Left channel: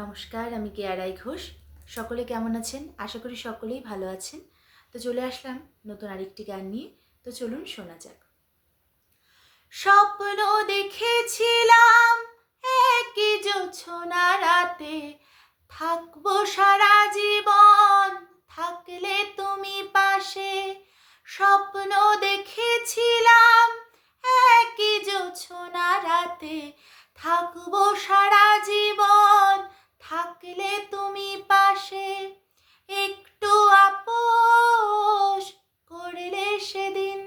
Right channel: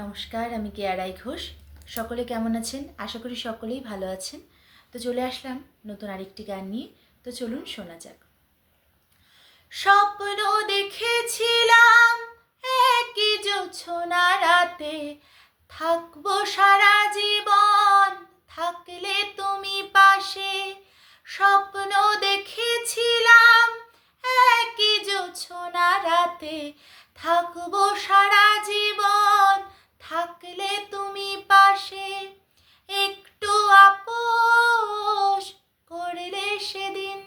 নমস্কার, আমি কেয়া রাই ঘোষ। সকলে কেমন আছেন? আশা করি সকলেই ভালো আছেন। তো চলে আসলাম নতুন আরেকটি গান নিয়ে। তো চলুন শোনা যাক। স্বপ্ন দেখেছিলাম একই জোছনা রাতে, থাকবো সারা জীবন থাকলে তুমি পাশে। স্বপ্ন দেখেছিলাম একই জোছনা রাতে, থাকবো সারা জীবন থাকলে তুমি পাশে। একটু আপোষ করলে সেদিন,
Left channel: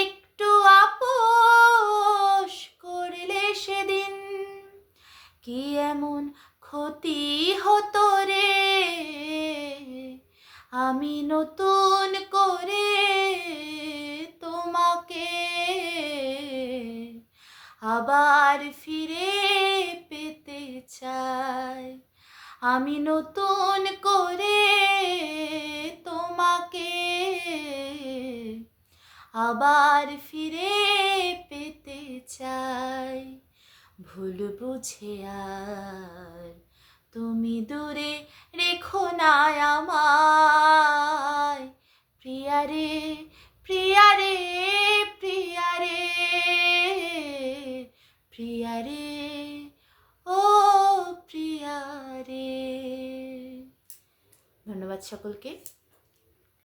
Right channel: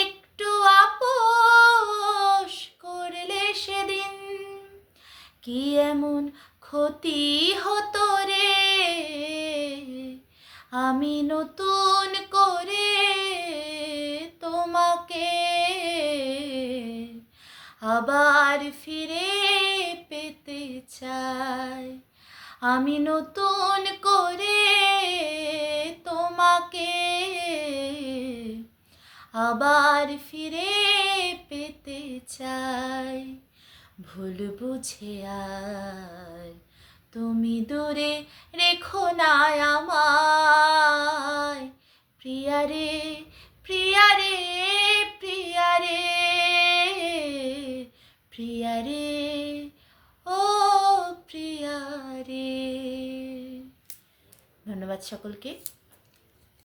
একটু আপোষ করলে সেদিন, কি এমন ক্ষতি হতো রে, আমি নতুন করে তোমাকে আবার ফিরে পেতে চাই। আমি নতুন করে তোমাকে আবার ফিরে পেতে চাই। ভুল বুঝে আর তুমি দূরে রেখো না আমায়, প্রিয়া রে প্রিয়া রে প্রিয়া রে প্রিয়া রে, ও প্রিয়া রে। ধন্যবাদ সকলকে।